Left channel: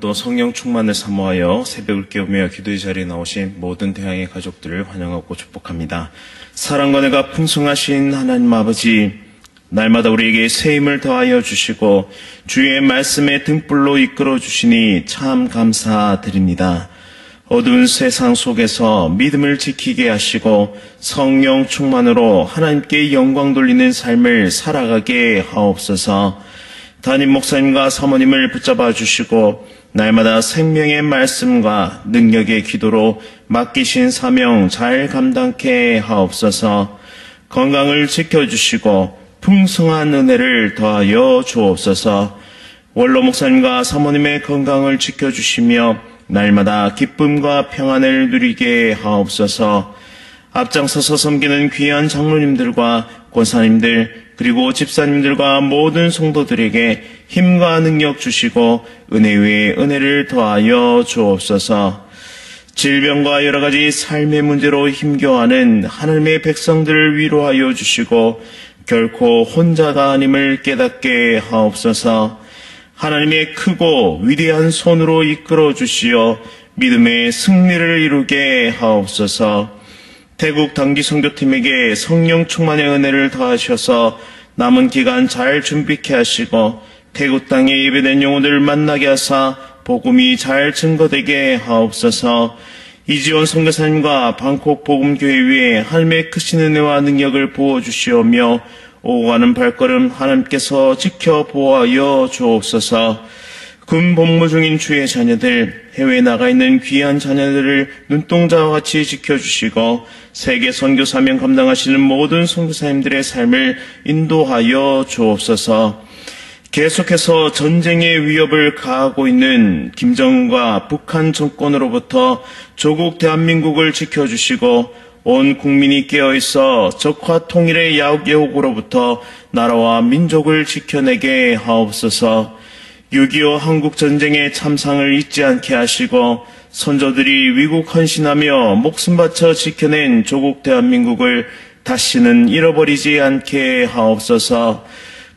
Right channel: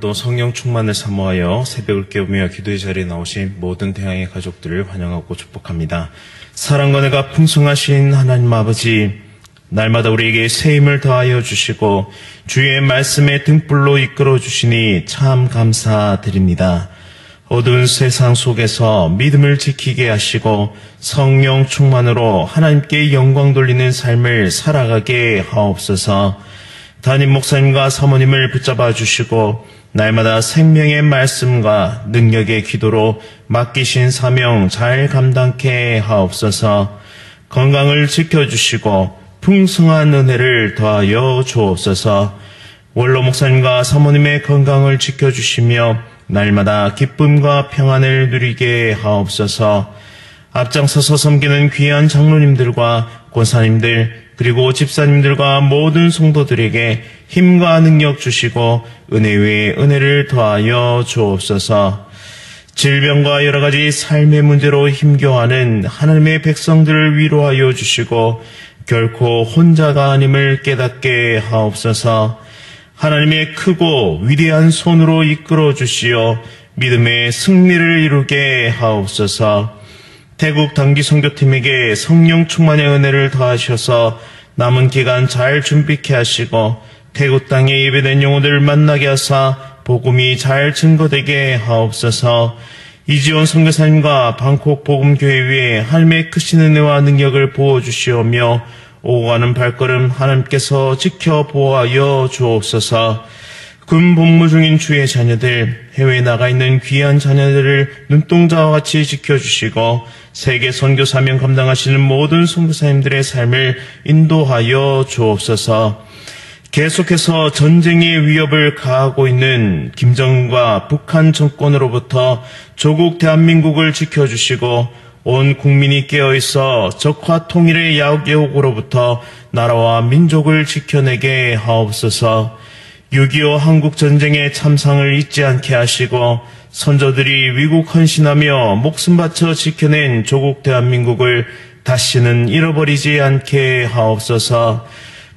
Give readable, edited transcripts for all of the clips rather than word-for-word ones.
오늘도 성령 충만을 사모하여 새벽을 깨우며 기도의 자리에 나오신 모든 대항의 가족들을 환영하고 축복합니다. 사랑과 은혜가 풍성하신 하나님 아버지, 날마다 우리에게 새 힘을 더하여 주시고 주의 말씀의 등불로 이끌어 주시니 참 감사드립니다. 어두운 세상 속에서 믿음을 지키게 하시고 성령 충만으로 하나님께 영광 돌리는 삶을 살아가게 하옵소서. 담임 목사님과 사모님을 붙잡아 주시고 날마다 생명의 말씀과 능력의 기도로 맡기신 사명 잘 감당케 하옵소서. 건강을 지켜주시고 풍성한 은혜를 더하여 주옵소서. 원로 목사님과 사모님의 건강을 지켜주시며 날마다 기쁨과 평안을 누리게 하옵소서. 앞장서서 섬기는 귀한 장로님들과 권사님들 그리고 집사님들과 모든 성도들에게 힘과 능력 주시고 은혜 위에 은혜를 더하여 주옵소서. 질병과 여러 가지 삶의 문제로 힘겨워하는 하나님의 백성들을 위로하여 주시고 결코 혼자가 아님을 깨닫게 하옵소서. 하나님의 크고 위대한 손으로 이끌어 주시어 믿음의 승리를 이루게 하옵소서. 태국 단기 선교팀에게 성령 충만의 은혜를 더하셔서 남은 기간 잘 준비케 하시고 태국 땅에 예배된 영혼들을 만나게 하사 복음이 잘 증거되게 하옵소서. 이지원 선교사님과 방콕 복음교회 위에 하나님의 크신 은혜와 능력을 부어주시오며 오고 가는 발걸음 하나님께서 지켜 보호하여 주옵소서. 군 복무 중인 주의 자녀들, 해외에 나가 있는 귀한 자녀들을 눈동자와 같이 지켜주시고 세계 선교 사명 감당하시는 모든 선교사님들의 삶을 인도하여 주옵소서. 계속해서 전쟁의 위협을 가하고 있는 김정은과 북한 정권으로부터 조국 대한민국을 지켜주시고 온 국민이 깨어있어 적화 통일의 야옥으로부터 나라와 민족을 지켜내게 하옵소서. 6.25 한국전쟁의 참상을 잊지 않게 하시고 선조들이 위국 헌신하며 목숨 바쳐 지켜낸 조국 대한민국을 다시는 잃어버리지 않게 하옵소서.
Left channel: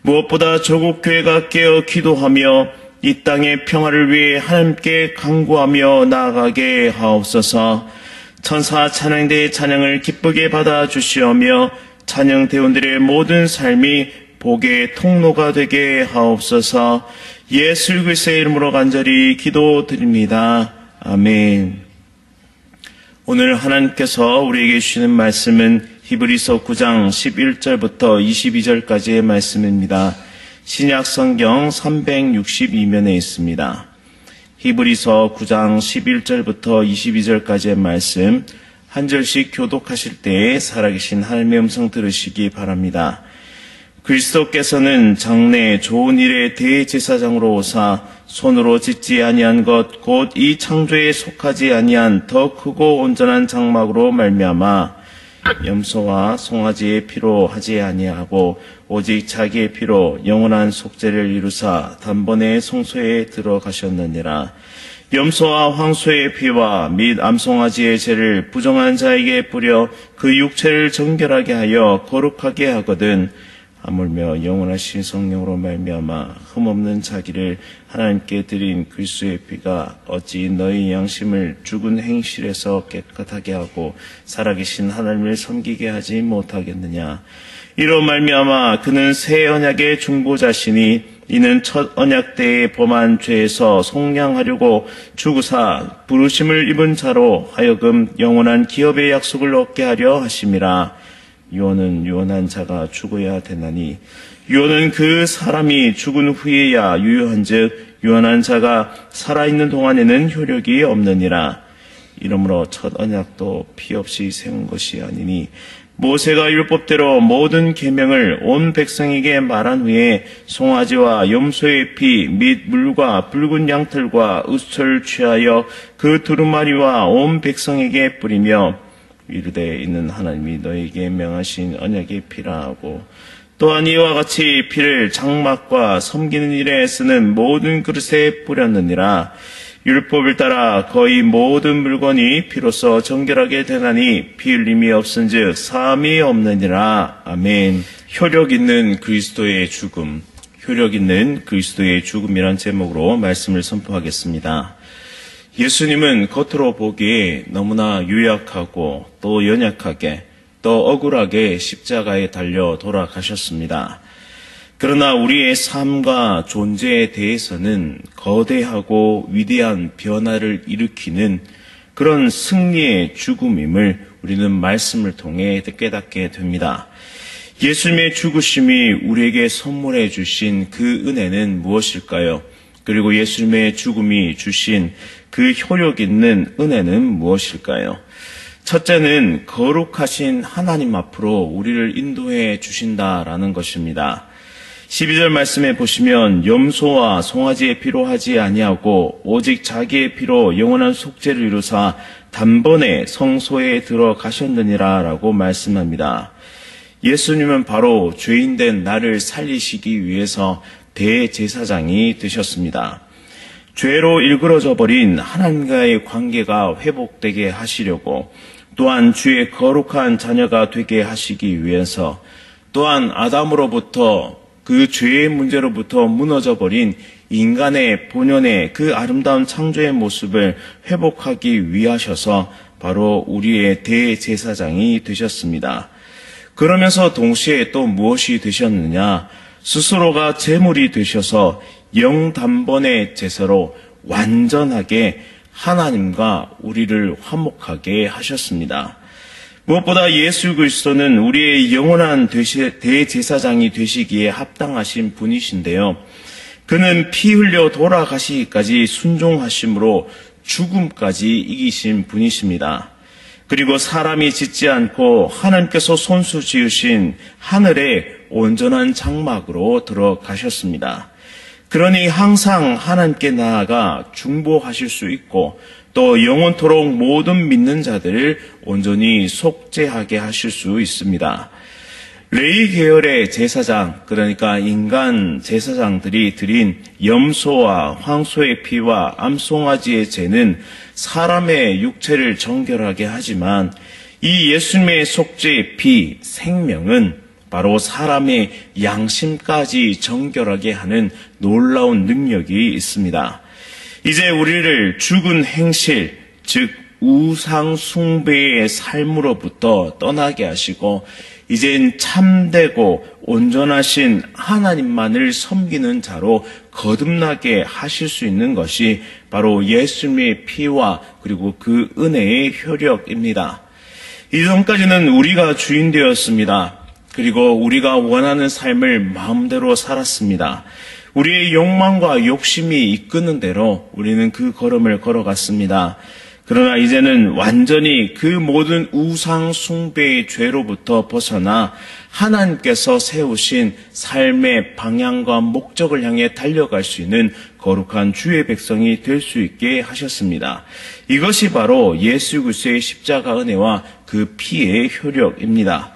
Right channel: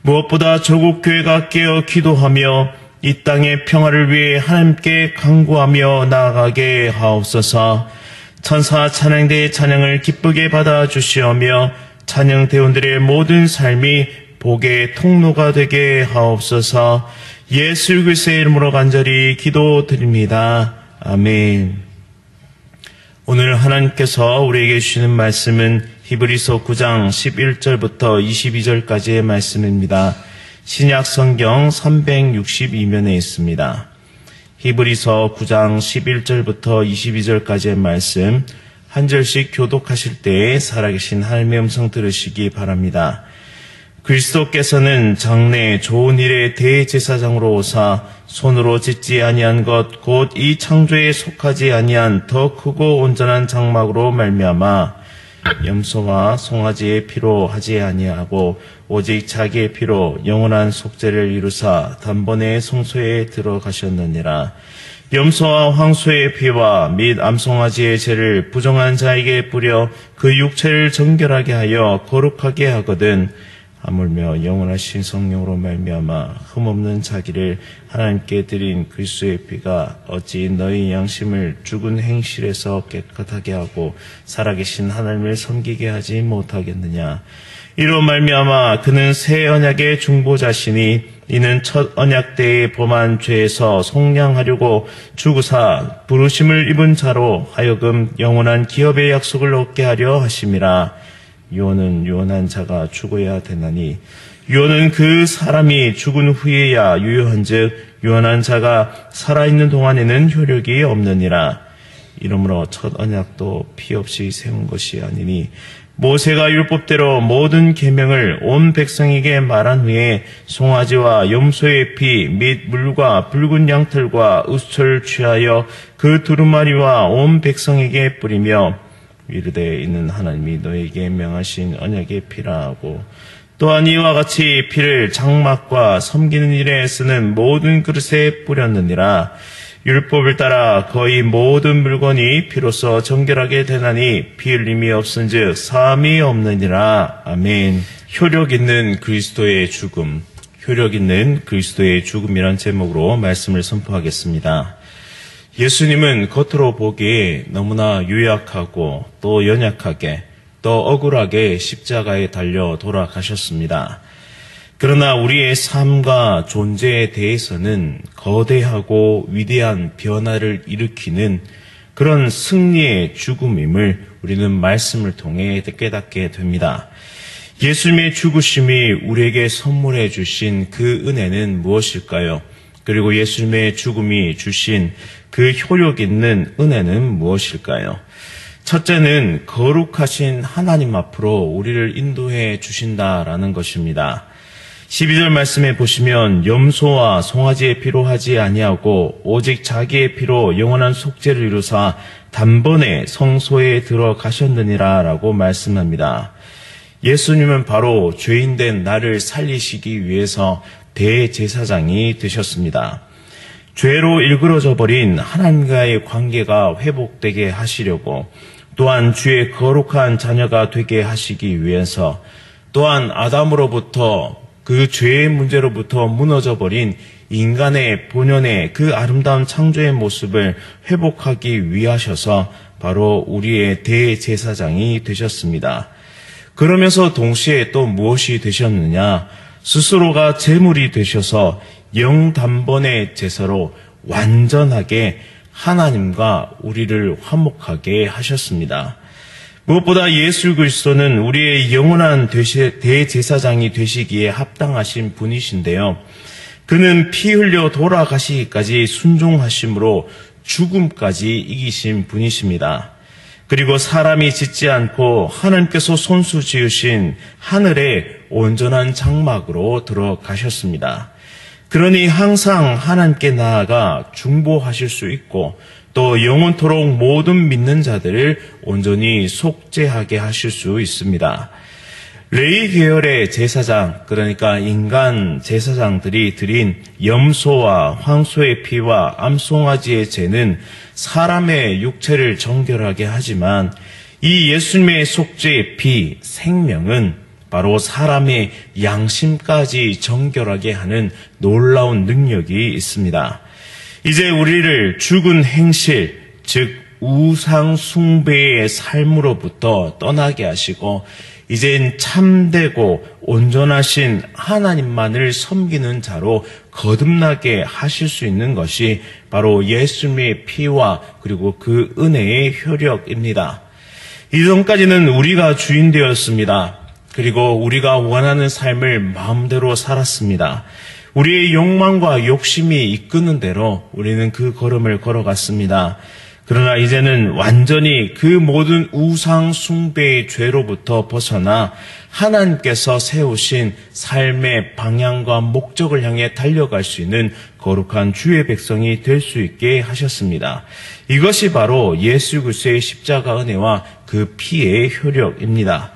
무엇보다 조국 교회가 깨어 기도하며 이 땅의 평화를 위해 하나님께 간구하며 나아가게 하옵소서. 천사 찬양대의 찬양을 기쁘게 받아주시오며 찬양대원들의 모든 삶이 복의 통로가 되게 하옵소서. 예수 그리스도의 이름으로 간절히 기도드립니다. 아멘. 오늘 하나님께서 우리에게 주시는 말씀은 히브리서 9장 11절부터 22절까지의 말씀입니다. 신약 성경 362면에 있습니다. 히브리서 9장 11절부터 22절까지의 말씀 한 절씩 교독하실 때에 살아계신 하나님의 음성 들으시기 바랍니다. 그리스도께서는 장래 좋은 일의 대제사장으로 오사 손으로 짓지 아니한 것 곧 이 창조에 속하지 아니한 더 크고 온전한 장막으로 말미암아 염소와 송아지의 피로 하지 아니하고 오직 자기의 피로 영원한 속죄를 이루사 단번에 성소에 들어가셨느니라. 염소와 황소의 피와 및 암송아지의 죄를 부정한 자에게 뿌려 그 육체를 정결하게 하여 거룩하게 하거든 하물며 영원하신 성령으로 말미암아 흠없는 자기를 하나님께 드린 그리스도의 피가 어찌 너희 양심을 죽은 행실에서 깨끗하게 하고 살아계신 하나님을 섬기게 하지 못하겠느냐. 이로 말미암아 그는 새 언약의 중보자시니 이는 첫 언약 때에 범한 죄에서 속량하려고 죽으사 부르심을 입은 자로 하여금 영원한 기업의 약속을 얻게 하려 하심이라. 유언은 유언한 자가 죽어야 되나니 유언은 그 사람이 죽은 후에야 유효한즉 유언한 자가 살아있는 동안에는 효력이 없느니라. 이러므로 첫 언약도 피 없이 세운 것이 아니니 모세가 율법대로 모든 계명을 온 백성에게 말한 후에 송아지와 염소의 피 및 물과 붉은 양털과 의수를 취하여 그 두루마리와 온 백성에게 뿌리며 이르되 이는 하나님이 너에게 명하신 언약의 피라 하고 또한 이와 같이 피를 장막과 섬기는 일에 쓰는 모든 그릇에 뿌렸느니라. 율법을 따라 거의 모든 물건이 피로써 정결하게 되나니 피 흘림이 없은즉 사함이 없느니라. 아멘. 효력 있는 그리스도의 죽음. 효력 있는 그리스도의 죽음이란 제목으로 말씀을 선포하겠습니다. 예수님은 겉으로 보기에 너무나 유약하고 또 연약하게 또 억울하게 십자가에 달려 돌아가셨습니다. 그러나 우리의 삶과 존재에 대해서는 거대하고 위대한 변화를 일으키는 그런 승리의 죽음임을 우리는 말씀을 통해 깨닫게 됩니다. 예수님의 죽으심이 우리에게 선물해 주신 그 은혜는 무엇일까요? 그리고 예수님의 죽음이 주신 그 효력 있는 은혜는 무엇일까요? 첫째는 거룩하신 하나님 앞으로 우리를 인도해 주신다라는 것입니다. 12절 말씀에 보시면 염소와 송아지의 피로 하지 아니하고 오직 자기의 피로 영원한 속죄를 이루사 단번에 성소에 들어가셨느니라 라고 말씀합니다. 예수님은 바로 죄인된 나를 살리시기 위해서 대제사장이 되셨습니다. 죄로 일그러져 버린 하나님과의 관계가 회복되게 하시려고, 또한 주의 거룩한 자녀가 되게 하시기 위해서, 또한 아담으로부터 그 죄의 문제로부터 무너져 버린 인간의 본연의 그 아름다운 창조의 모습을 회복하기 위하셔서 바로 우리의 대제사장이 되셨습니다. 그러면서 동시에 또 무엇이 되셨느냐? 스스로가 제물이 되셔서 영단번의 제사로 완전하게 하나님과 우리를 화목하게 하셨습니다. 무엇보다 예수 그리스도는 우리의 영원한 대제사장이 되시기에 합당하신 분이신데요. 그는 피 흘려 돌아가시기까지 순종하심으로 죽음까지 이기신 분이십니다. 그리고 사람이 짓지 않고 하나님께서 손수 지으신 하늘의 온전한 장막으로 들어가셨습니다. 그러니 항상 하나님께 나아가 중보하실 수 있고 또 영원토록 모든 믿는 자들을 온전히 속죄하게 하실 수 있습니다. 레위 계열의 제사장, 그러니까 인간 제사장들이 드린 염소와 황소의 피와 암송아지의 제는 사람의 육체를 정결하게 하지만 이 예수님의 속죄의 피, 생명은 바로 사람의 양심까지 정결하게 하는 놀라운 능력이 있습니다. 이제 우리를 죽은 행실, 즉 우상 숭배의 삶으로부터 떠나게 하시고 이젠 참되고 온전하신 하나님만을 섬기는 자로 거듭나게 하실 수 있는 것이 바로 예수님의 피와 그리고 그 은혜의 효력입니다. 이전까지는 우리가 주인 되었습니다. 그리고 우리가 원하는 삶을 마음대로 살았습니다. 우리의 욕망과 욕심이 이끄는 대로 우리는 그 걸음을 걸어갔습니다. 그러나 이제는 완전히 그 모든 우상 숭배의 죄로부터 벗어나 하나님께서 세우신 삶의 방향과 목적을 향해 달려갈 수 있는 거룩한 주의 백성이 될 수 있게 하셨습니다. 이것이 바로 예수 그리스도의 십자가 은혜와 그 피의 효력입니다.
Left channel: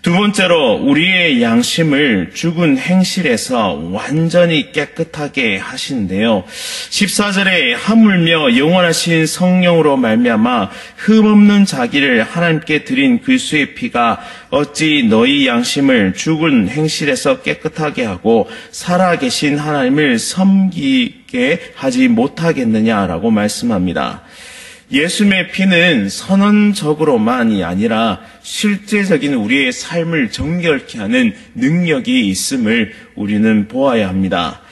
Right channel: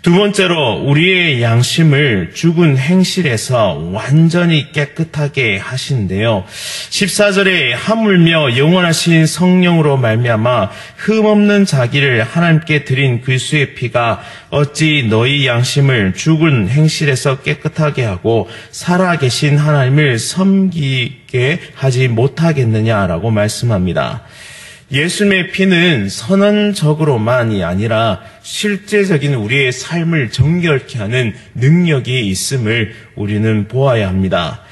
두 번째로 우리의 양심을 죽은 행실에서 완전히 깨끗하게 하시는데요. 14절에 하물며 영원하신 성령으로 말미암아 흠없는 자기를 하나님께 드린 그리스도의 피가 어찌 너희 양심을 죽은 행실에서 깨끗하게 하고 살아계신 하나님을 섬기게 하지 못하겠느냐라고 말씀합니다. 예수님의 피는 선언적으로만이 아니라 실제적인 우리의 삶을 정결케 하는 능력이 있음을 우리는 보아야 합니다.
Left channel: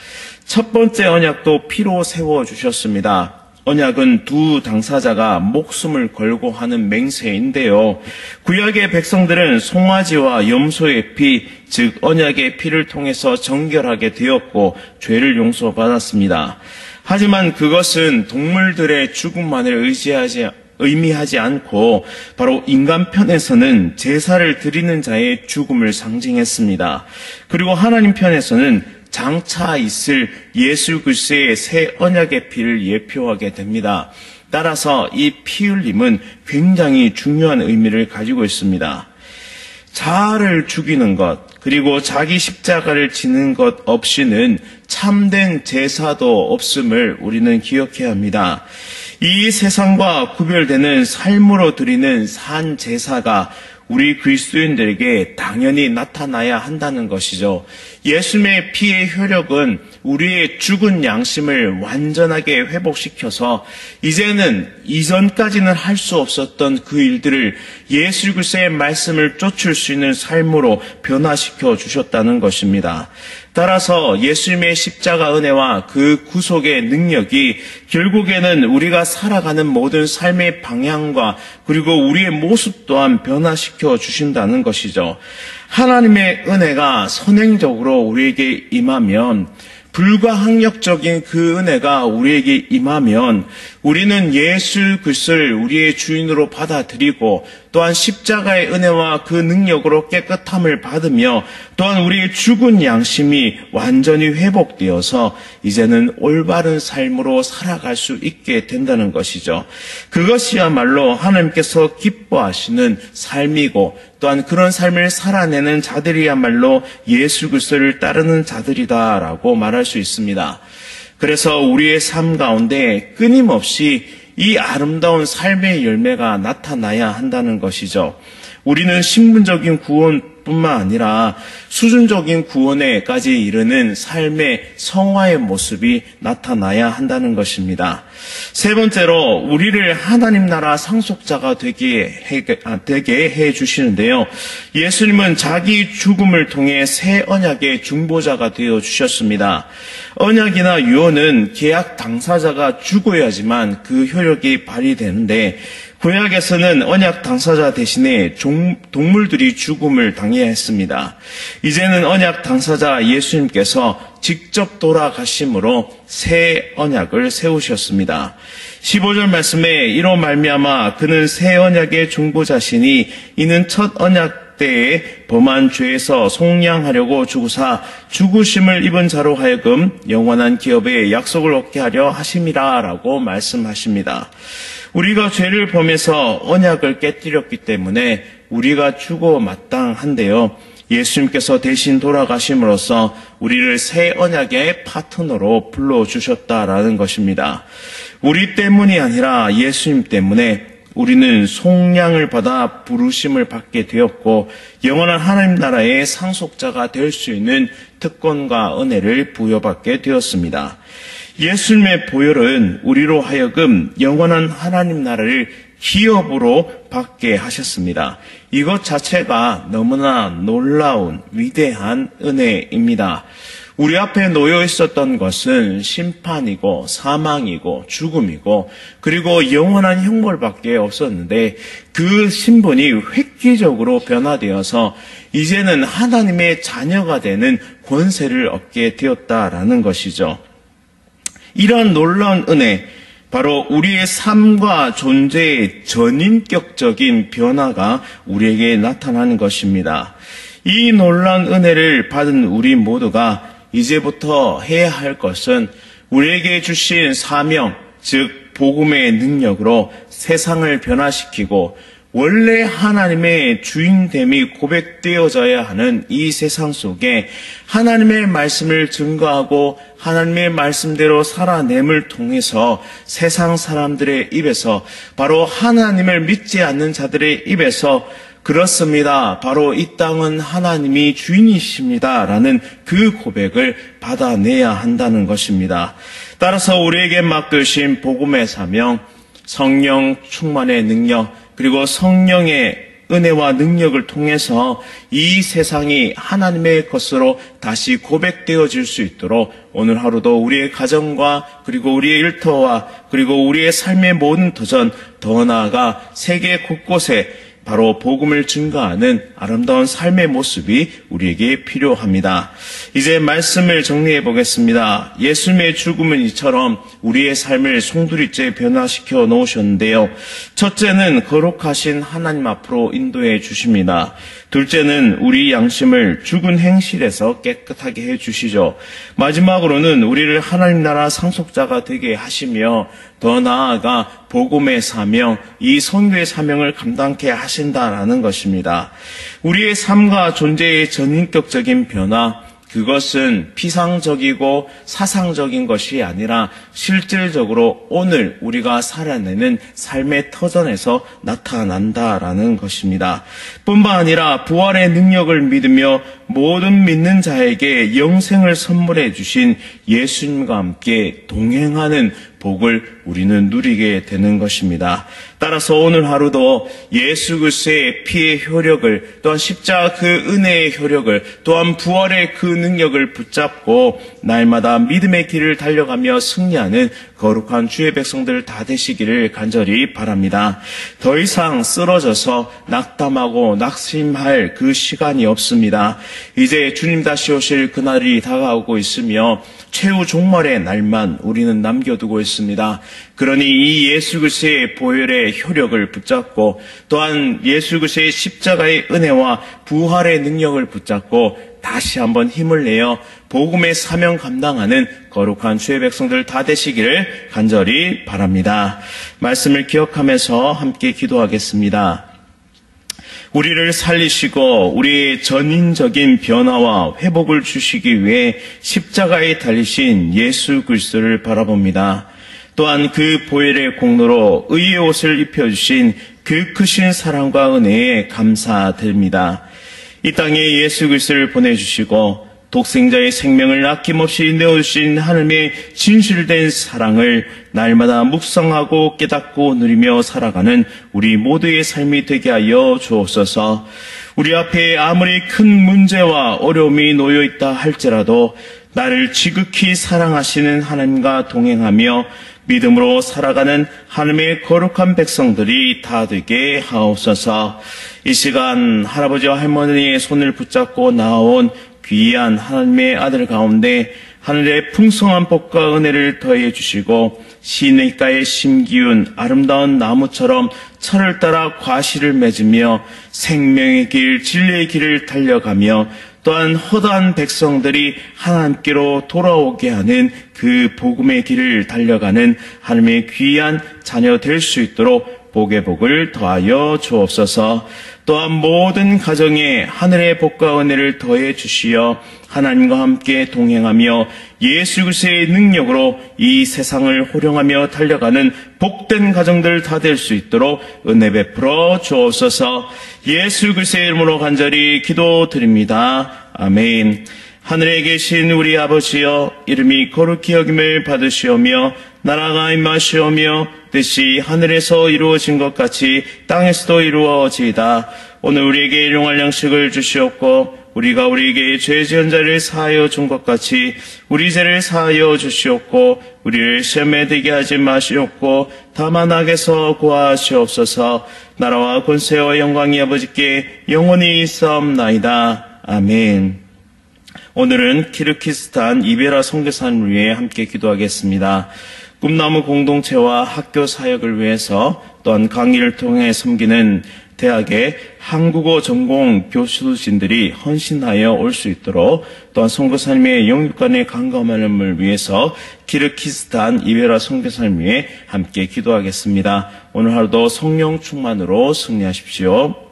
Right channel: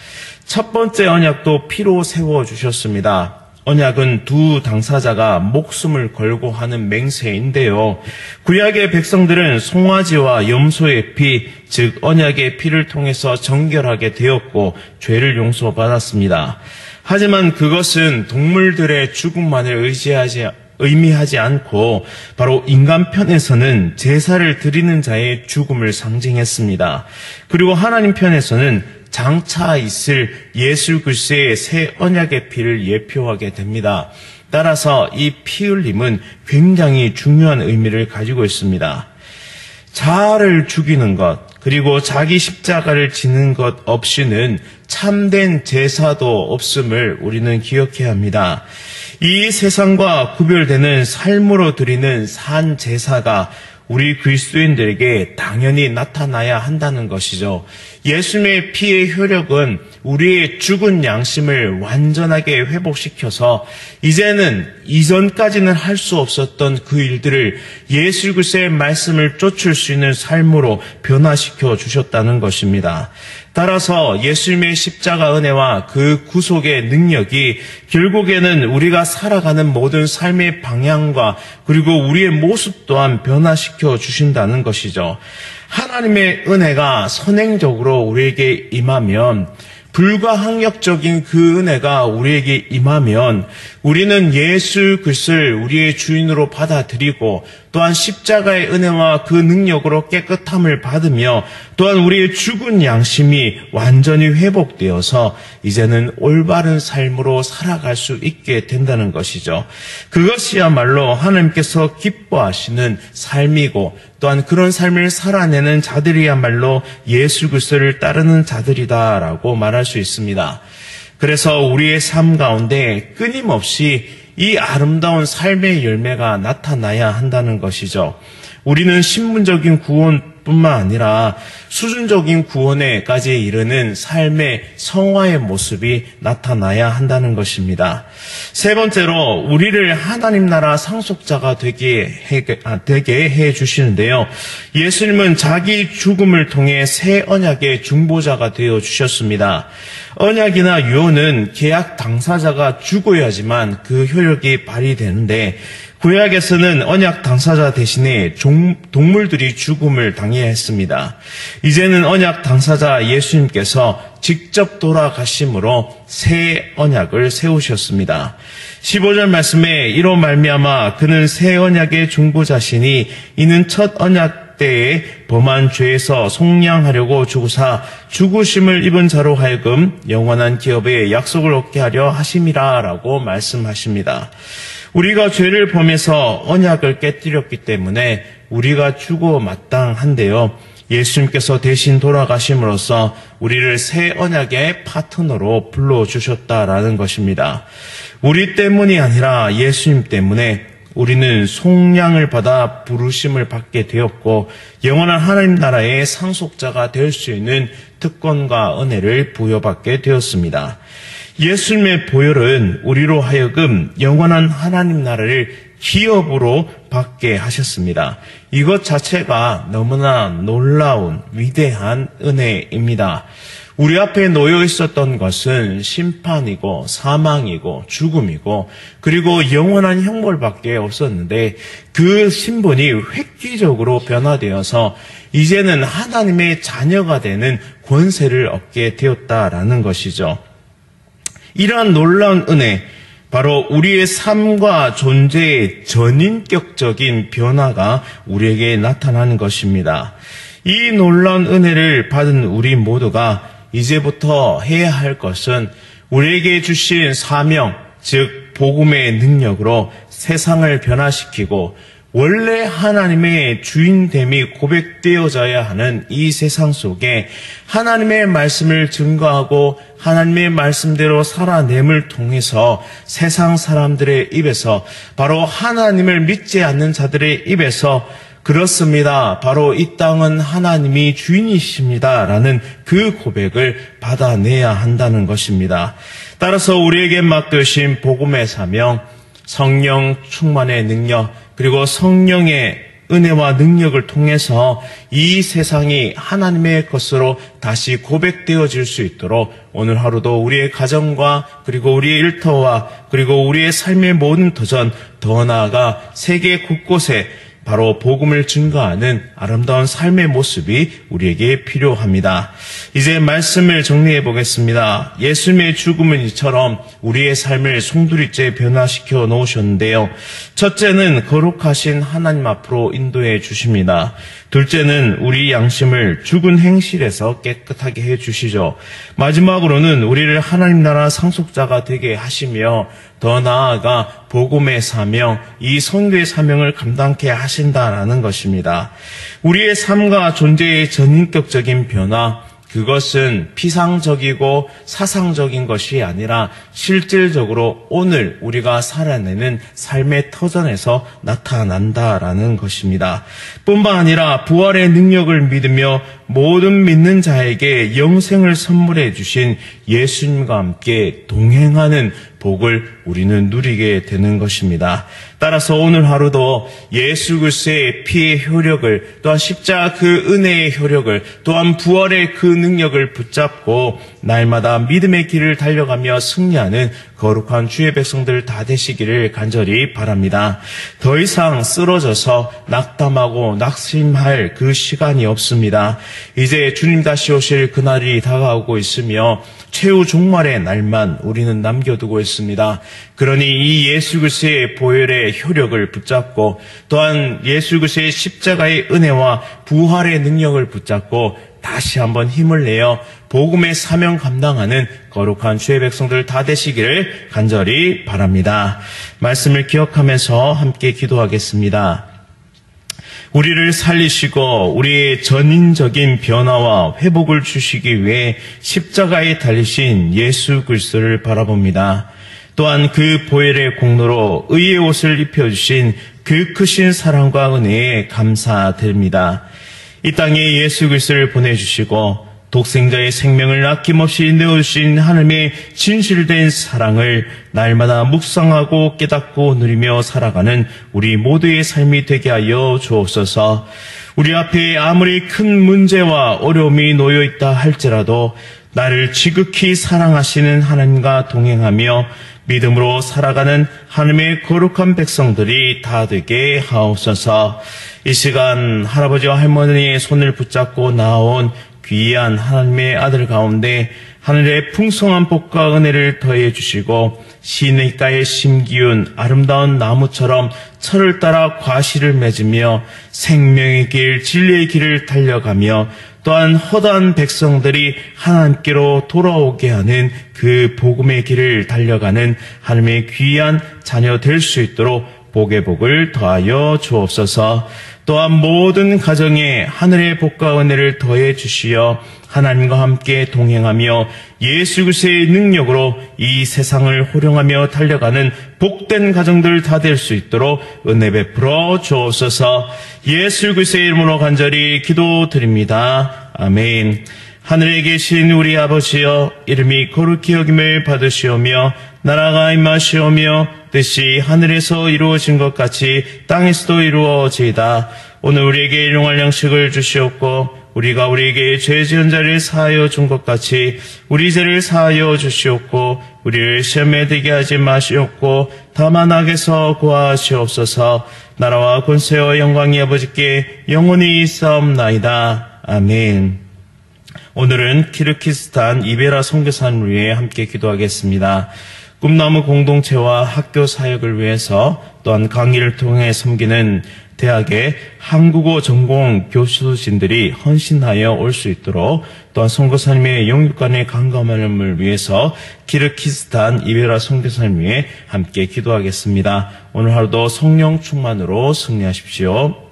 첫 번째 언약도 피로 세워주셨습니다. 언약은 두 당사자가 목숨을 걸고 하는 맹세인데요. 구약의 백성들은 송아지와 염소의 피, 즉 언약의 피를 통해서 정결하게 되었고 죄를 용서받았습니다. 하지만 그것은 동물들의 죽음만을 의미하지 않고 바로 인간 편에서는 제사를 드리는 자의 죽음을 상징했습니다. 그리고 하나님 편에서는 장차 있을 예수 그리스도의 새 언약의 피를 예표하게 됩니다. 따라서 이 피 흘림은 굉장히 중요한 의미를 가지고 있습니다. 자아를 죽이는 것, 그리고 자기 십자가를 지는 것 없이는 참된 제사도 없음을 우리는 기억해야 합니다. 이 세상과 구별되는 삶으로 드리는 산 제사가 우리 그리스도인들에게 당연히 나타나야 한다는 것이죠. 예수님의 피의 효력은 우리의 죽은 양심을 완전하게 회복시켜서 이제는 이전까지는 할 수 없었던 그 일들을 예수 그리스도의 말씀을 쫓을 수 있는 삶으로 변화시켜 주셨다는 것입니다. 따라서 예수님의 십자가 은혜와 그 구속의 능력이 결국에는 우리가 살아가는 모든 삶의 방향과 그리고 우리의 모습 또한 변화시켜 주신다는 것이죠. 하나님의 은혜가 선행적으로 우리에게 임하면, 불가항력적인 그 은혜가 우리에게 임하면 우리는 예수 그리스도를 우리의 주인으로 받아들이고 또한 십자가의 은혜와 그 능력으로 깨끗함을 받으며 또한 우리의 죽은 양심이 완전히 회복되어서 이제는 올바른 삶으로 살아갈 수 있게 된다는 것이죠. 그것이야말로 하나님께서 기뻐하시는 삶이고 또한 그런 삶을 살아내는 자들이야말로 예수 그리스도를 따르는 자들이다라고 말할 수 있습니다. 그래서 우리의 삶 가운데 끊임없이 이 아름다운 삶의 열매가 나타나야 한다는 것이죠. 우리는 신분적인 구원뿐만 아니라 수준적인 구원에까지 이르는 삶의 성화의 모습이 나타나야 한다는 것입니다. 세 번째로 우리를 하나님 나라 상속자가 되게 해 주시는데요. 예수님은 자기 죽음을 통해 새 언약의 중보자가 되어 주셨습니다. 언약이나 유언은 계약 당사자가 죽어야지만 그 효력이 발휘되는데 구약에서는 언약 당사자 대신에 동물들이 죽음을 당해야 했습니다. 이제는 언약 당사자 예수님께서 직접 돌아가심으로 새 언약을 세우셨습니다. 15절 말씀에 이로 말미암아 그는 새 언약의 중보자시니 이는 첫 언약 때에 범한 죄에서 속량하려고 죽으사 죽으심을 입은 자로 하여금 영원한 기업의 약속을 얻게 하려 하심이라 라고 말씀하십니다. 우리가 죄를 범해서 언약을 깨뜨렸기 때문에 우리가 죽어 마땅한데요. 예수님께서 대신 돌아가심으로써 우리를 새 언약의 파트너로 불러주셨다라는 것입니다. 우리 때문이 아니라 예수님 때문에 우리는 속량을 받아 부르심을 받게 되었고 영원한 하나님 나라의 상속자가 될 수 있는 특권과 은혜를 부여받게 되었습니다. 예수님의 보혈은 우리로 하여금 영원한 하나님 나라를 기업으로 받게 하셨습니다. 이것 자체가 너무나 놀라운 위대한 은혜입니다. 우리 앞에 놓여 있었던 것은 심판이고 사망이고 죽음이고 그리고 영원한 형벌밖에 없었는데 그 신분이 획기적으로 변화되어서 이제는 하나님의 자녀가 되는 권세를 얻게 되었다라는 것이죠. 이러한 놀라운 은혜, 바로 우리의 삶과 존재의 전인격적인 변화가 우리에게 나타나는 것입니다. 이 놀라운 은혜를 받은 우리 모두가 이제부터 해야 할 것은 우리에게 주신 사명, 즉 복음의 능력으로 세상을 변화시키고 원래 하나님의 주인됨이 고백되어져야 하는 이 세상 속에 하나님의 말씀을 증거하고 하나님의 말씀대로 살아냄을 통해서 세상 사람들의 입에서 바로 하나님을 믿지 않는 자들의 입에서 그렇습니다. 바로 이 땅은 하나님이 주인이십니다. 라는 그 고백을 받아내야 한다는 것입니다. 따라서 우리에게 맡겨주신 복음의 사명, 성령 충만의 능력, 그리고 성령의 은혜와 능력을 통해서 이 세상이 하나님의 것으로 다시 고백되어질 수 있도록 오늘 하루도 우리의 가정과 그리고 우리의 일터와 그리고 우리의 삶의 모든 도전, 더 나아가 세계 곳곳에 바로 복음을 증거하는 아름다운 삶의 모습이 우리에게 필요합니다. 이제 말씀을 정리해 보겠습니다. 예수님의 죽음은 이처럼 우리의 삶을 송두리째 변화시켜 놓으셨는데요. 첫째는 거룩하신 하나님 앞으로 인도해 주십니다. 둘째는 우리 양심을 죽은 행실에서 깨끗하게 해 주시죠. 마지막으로는 우리를 하나님 나라 상속자가 되게 하시며 더 나아가 복음의 사명, 이 선교의 사명을 감당케 하신다라는 것입니다. 우리의 삶과 존재의 전인격적인 변화, 그것은 피상적이고 사상적인 것이 아니라 실질적으로 오늘 우리가 살아내는 삶의 터전에서 나타난다라는 것입니다. 뿐만 아니라 부활의 능력을 믿으며 모든 믿는 자에게 영생을 선물해 주신 예수님과 함께 동행하는 복을 우리는 누리게 되는 것입니다. 따라서 오늘 하루도 예수 그리스도의 피의 효력을, 또한 십자가 그 은혜의 효력을, 또한 부활의 그 능력을 붙잡고 날마다 믿음의 길을 달려가며 승리하는 거룩한 주의 백성들 다 되시기를 간절히 바랍니다. 더 이상 쓰러져서 낙담하고 낙심할 그 시간이 없습니다. 이제 주님 다시 오실 그날이 다가오고 있으며 최후 종말의 날만 우리는 남겨두고 있습니다. 그러니 이 예수 그리스도의 보혈의 효력을 붙잡고 또한 예수 그리스도의 십자가의 은혜와 부활의 능력을 붙잡고 다시 한번 힘을 내어 복음의 사명 감당하는 거룩한 주의 백성들 다 되시기를 간절히 바랍니다. 말씀을 기억하면서 함께 기도하겠습니다. 우리를 살리시고 우리의 전인적인 변화와 회복을 주시기 위해 십자가에 달리신 예수 그리스도를 바라봅니다. 또한 그 보혈의 공로로 의의 옷을 입혀주신 그 크신 사랑과 은혜에 감사드립니다. 이 땅에 예수 그리스도를 보내주시고 독생자의 생명을 아낌없이 내어주신 하나님의 진실된 사랑을 날마다 묵상하고 깨닫고 누리며 살아가는 우리 모두의 삶이 되게 하여 주옵소서. 우리 앞에 아무리 큰 문제와 어려움이 놓여 있다 할지라도 나를 지극히 사랑하시는 하나님과 동행하며 믿음으로 살아가는 하나님의 거룩한 백성들이 다 되게 하옵소서. 이 시간 할아버지와 할머니의 손을 붙잡고 나온 귀한 하나님의 아들 가운데 하늘의 풍성한 복과 은혜를 더해 주시고 시냇가에 심기운 아름다운 나무처럼 철을 따라 과실을 맺으며 생명의 길, 진리의 길을 달려가며 또한 허다한 백성들이 하나님께로 돌아오게 하는 그 복음의 길을 달려가는 하나님의 귀한 자녀 될 수 있도록 복의 복을 더하여 주옵소서. 또한 모든 가정에 하늘의 복과 은혜를 더해 주시어 하나님과 함께 동행하며 예수 그리스도의 능력으로 이 세상을 호령하며 달려가는 복된 가정들 다 될 수 있도록 은혜 베풀어 주옵소서. 예수 그리스도의 이름으로 간절히 기도드립니다. 아멘. 하늘에 계신 우리 아버지여, 이름이 거룩히 여김을 받으시오며 나라가 임하시오며 뜻이 하늘에서 이루어진 것 같이 땅에서도 이루어지이다. 오늘 우리에게 일용할 양식을 주시옵고 우리가 우리에게 죄 지은 자를 사하여 준 것 같이 우리 죄를 사하여 주시옵고 우리를 시험에 들게 하지 마시옵고 다만 악에서 구하시옵소서. 나라와 권세와 영광이 아버지께 영원히 있사옵나이다. 아멘. 오늘은 키르기스탄 이베라 선교사님을 위해 함께 기도하겠습니다. 꿈나무 공동체와 학교 사역을 위해서 또한 강의를 통해 섬기는 대학의 한국어 전공 교수진들이 헌신하여 올 수 있도록 또한 선교사님의 영육간의 강건함을 위해서 키르기스탄 이베라 선교사님 위해 함께 기도하겠습니다. 오늘 하루도 성령 충만으로 승리하십시오.